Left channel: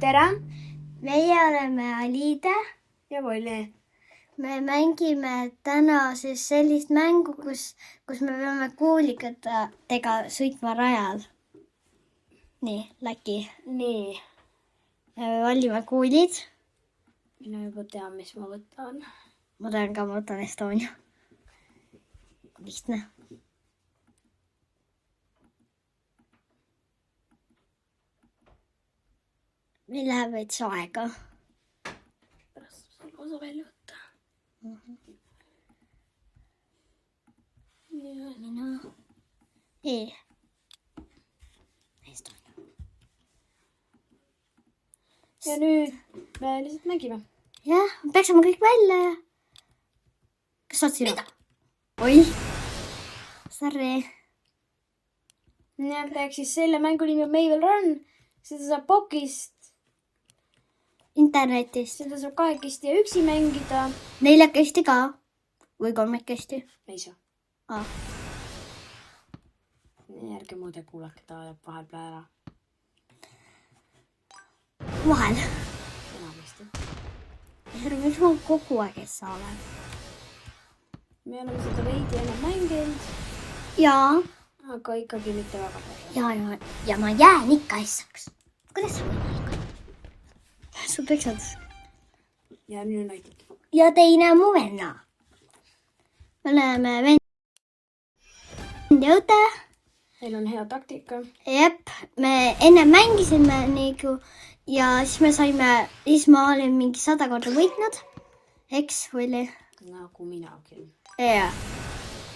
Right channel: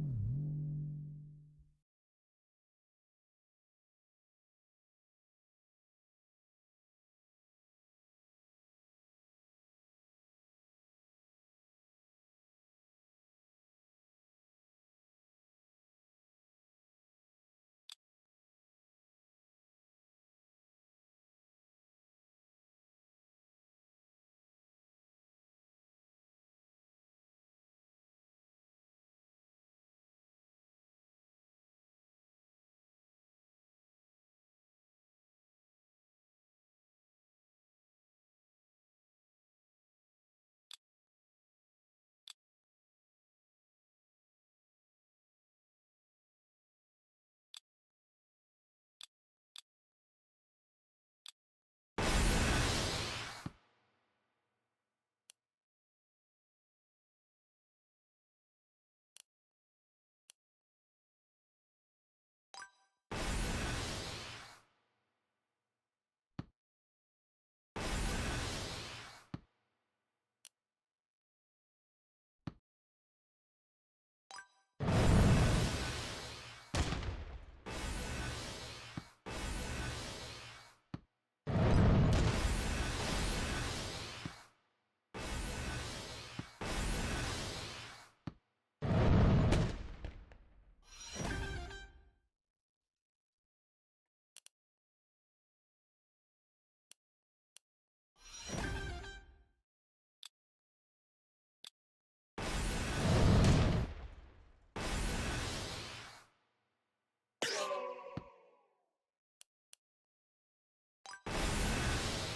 Tere! Meie oleme Aliide. Ja Volli. Me mängime täna siis sellist mängu, kus me peame kuulikatega sõitma rajal. Nii, Läki. Nii. Me valime kuulid. Mina juba tean, mis ma võtan. Ma tean ka, ma võtan Estonia. Lihtne. Meil läheb veits aega. Pärast selle osa välja võtta. Mina. Estonia. Ja nüüd me lihtsalt mängime. Jah, peaksime kõik välja ja... Kas saad sina? Oi. Sorry. Ja teeks siis selle mängu nimi on Mavel Run. Seda saab Pokist. Internetist. Seda saab kahekesti ja üksi mängida. 4 ka. Või 3. Ei saa. Järge muide kuulake, ta jääb vahel peale ära. Vahel. Järge sul kogu aeg ei saa ole. Me oleme seda veidi enam mänginud. Jaa. Aga ikkagi mitte väga. Ja ma jään ikka essaks. Kuidas sa võimalik? Sa peksad. Ja nüüd näitab. Ja teine on mu venna. Me oleme vend ja õde. Meil on hea taktika. Jep, me enne mängisime nagu ja siis ma olin mingi 100 korda võitnud. Eks, Volli? Nagu minagi. Jaa.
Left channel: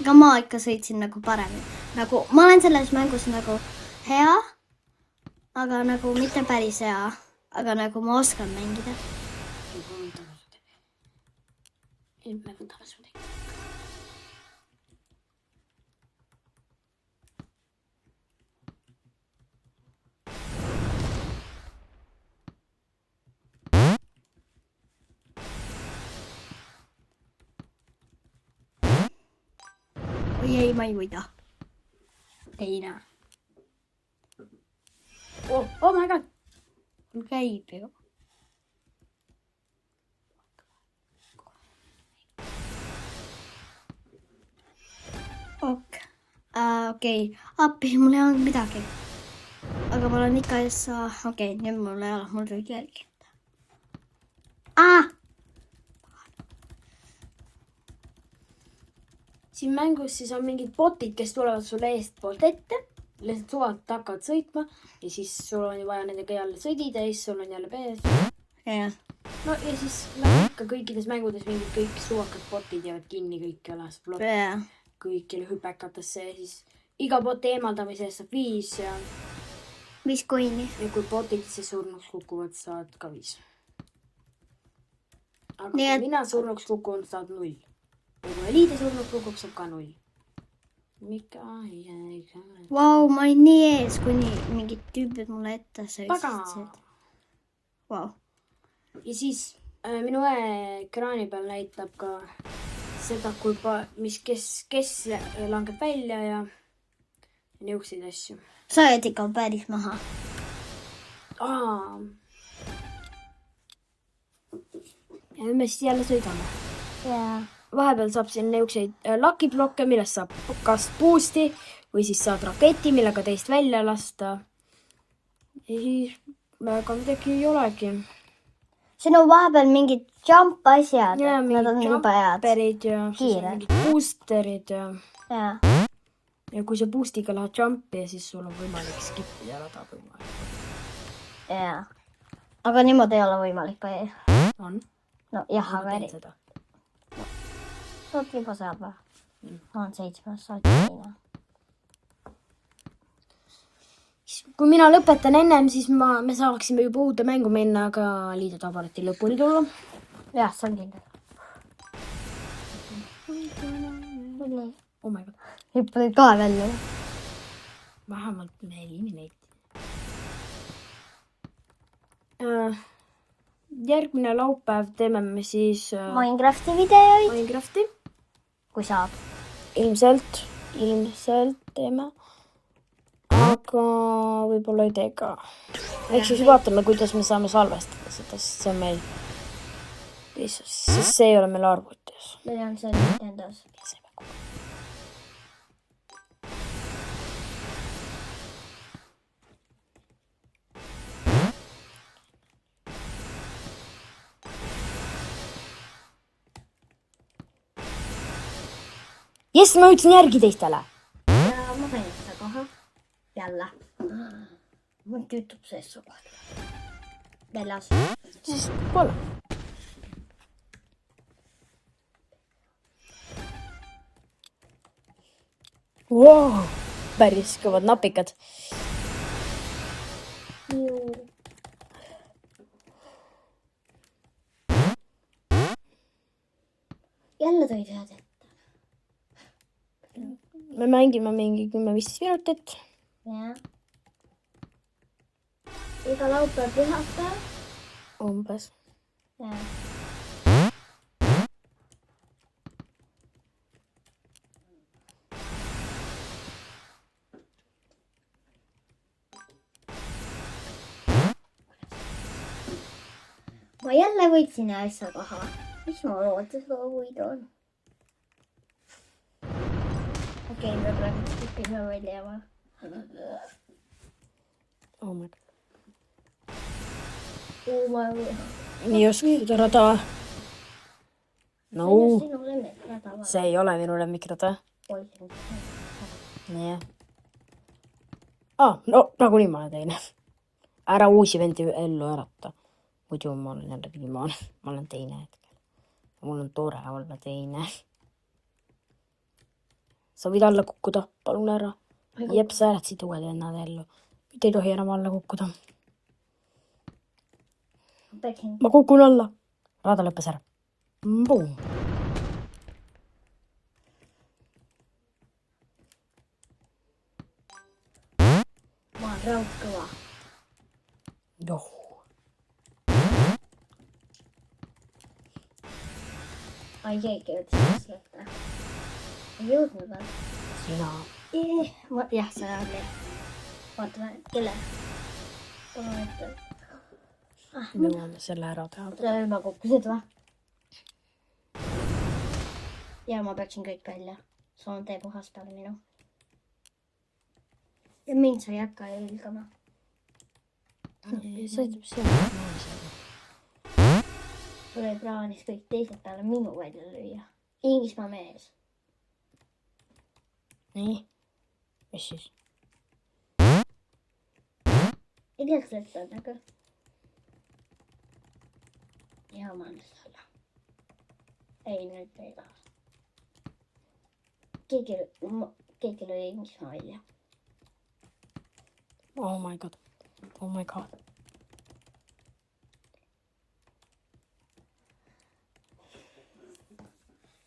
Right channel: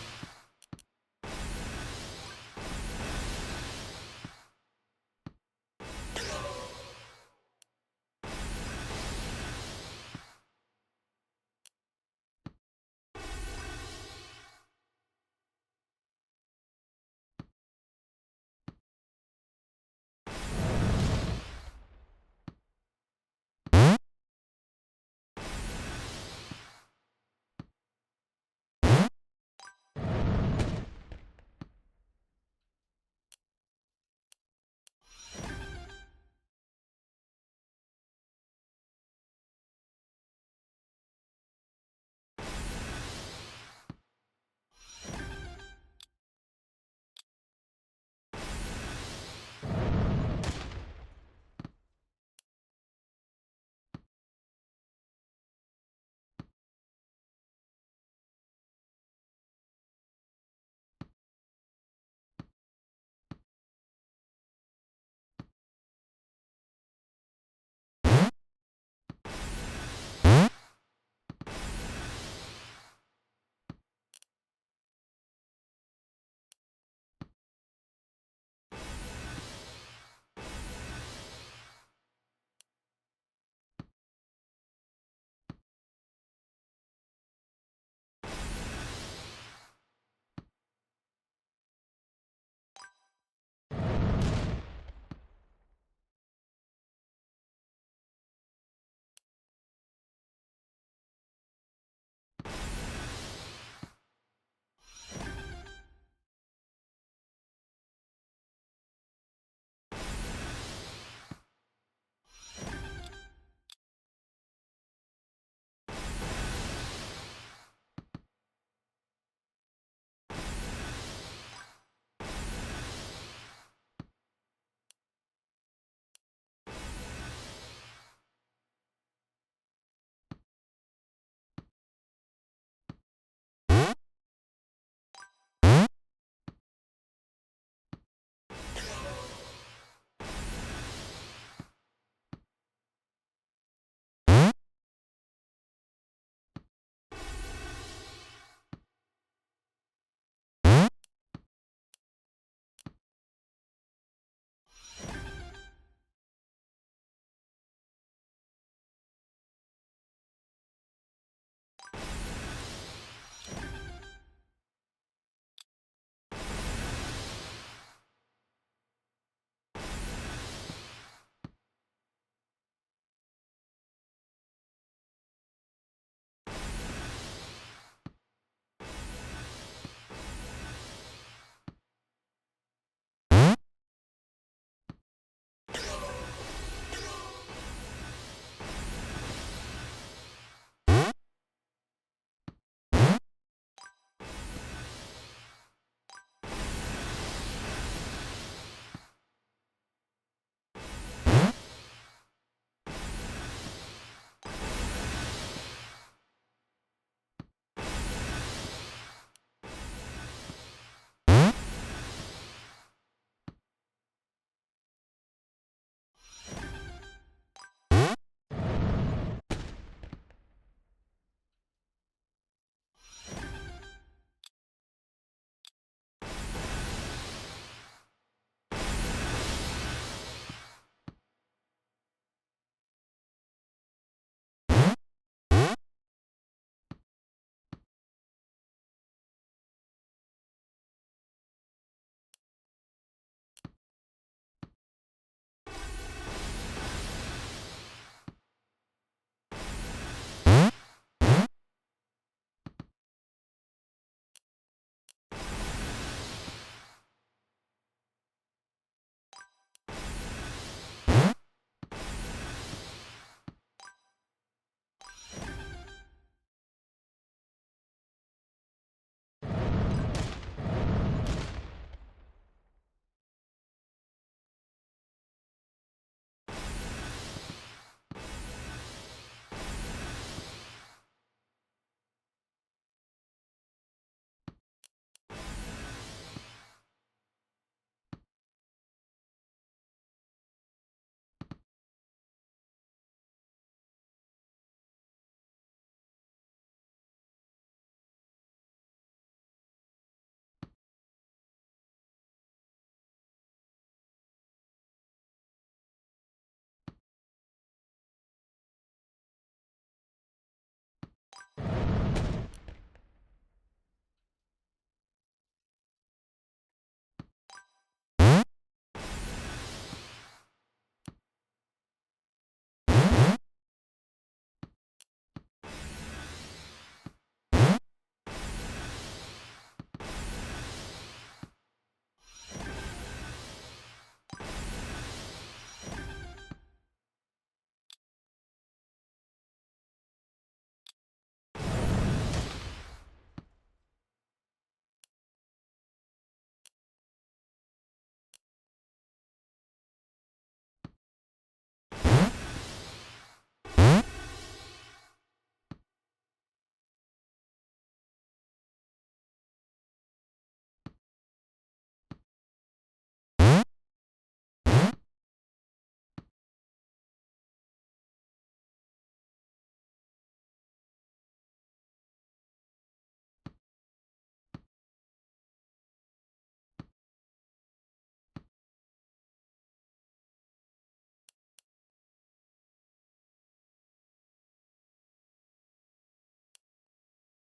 Aga ma ikka sõitsin nagu paremini. Nagu, ma olen selles mängus nagu hea, aga nagu mitte päris hea. Aga nagu ma oskan mängida. Me võtame su tegi. Või ei, ma ei võida. Teine. Oh my god. Mul käib ju. Okei. Appi, mul ei olnud midagi. Aga mul on ikka okei, nüüd mul ei ole, mul tuli järgi. Siin mängus siis on mingid botid, kes tulevad sulle eestpoolt ette. Lihtsalt suvalt hakkavad sõitma ja siis sul on vaja nendega jälle sõdida ja siis sul on jälle pees. Jah. No ja siis nagu ikka kõikides mängudes mingid kõik suvakad botid jäävad kinni kõik üles. Jah. Kõikile hüpekatesse ja siis iga boti eemaldamise eest saab 5 ja... 5 koini. Ja kui botid siis surnuks kukuvad, saad ka 5. Aga Nii, kui mina surnuks kukun, saad 0. Ja kui Aliide surnuks kukub, saab ka 0. Vau, ma olin nii ees, kuni mingid tüübid mulle ette sõitsid. Vau. Ja siis minu ekraani peal näitab ka seda, kes langeb välja ja niukseid asju. Sa oled ikka päris maha. Ja nüüd me siis jälle sõidame. Jaa. Vahepeal saab siin niukseid lakiblokke, millest saab kas boosti või siis saad raketi, millega teist välja lasta. Ja siis väga midagi ei olegi. Siin on vahepeal mingid jump asjad. Ja Nad on juba head. jumperid ja Kiired. boosterid ja... Jaa. Ja kui sa boostiga lähed jumpi ja siis sul on võimalik skipida rada võimalik. Jaa. Aga niimoodi ei ole võimalik või? On? No jah, Ma aga teen seda. Saad juba saab või? On 7, saad teine. Kui mina lõpetan ennem, siis me saaksime juba uude mängu minna, aga Aliide tahab alati lõpuni tulla. Jah, see on kindel. Oh my god. Hüppad ka välja. Vähemalt me eliminate. Järgmine laupäev teeme me siis Minecrafti videoid. Minecrafti. Kui saab. Ilmselt teeme. Aga võib-olla ei tee ka. Ehk siis vaatame, kuidas me saame salvestada seda, sest see on meil... Sest see ei ole meil arvutis. Meil on see Nintendos. Jess, ma ütlesin järgi teistele. Ma panin seda kohe. Jälle. Mul tüütub sees su kohta. Väljas. Siis pole. Wow, päris kõvad napikad. Jälle tõid ühed ette. Me mängime mingi 10-15 minutit. Jah. Iga laupäev pühapäev. Umbes. Jah. Ma jälle võitsin asja taha. Mis ma loodusloovuid on? Okei, me peame välja jääma. Oh my god. Oh Nii oskad ära taha. No, sinu lemmikrada või? see ei ole minu lemmikrada. Poisid. Nii. No nagunii ma olen teine. Ära uusi vendi ellu ärata. Muidu ma olen jälle viimane. Ma olen teine hetkel. Mul on tore olla teine. Sa võid alla kukkuda. Palun ära. Jep, sa äratasid uued vennad ellu. Mitte ei tohi enam alla kukkuda. Ma kukun alla. Rada lõppes ära. Boom. Ma olen raudkõva. Joh. Ai, keegi ütles lõpeta. Ei jõudnud või? Sina. Jah, see on okei. Vaatame, kelle. Me jõuame selle ära teha. Ma kukkusid või? Ja ma peaksin kõik välja. See on tee puhas peale minu. Ja mind sa ei hakka ülgama. Sõidab siia. Sul ei plaanis kõik teised peale minu välja lüüa. Inglismaa mees. Nii. Mis siis? Ei tea, kas ütled, aga... Ja ma annan selle. Ei, nüüd ei taha. Keegi lõi Inglismaa välja. Oh my god. Oh my god.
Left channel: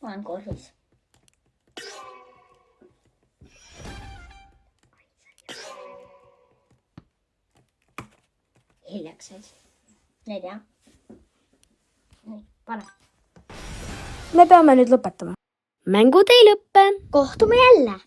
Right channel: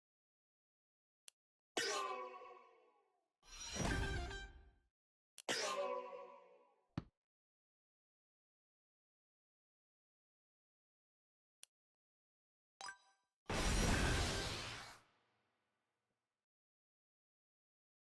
Ma olen korvis. Hiljaks siis. 4. Nii, pane. Me peame nüüd lõpetama. Mängud ei lõppe. Kohtume jälle!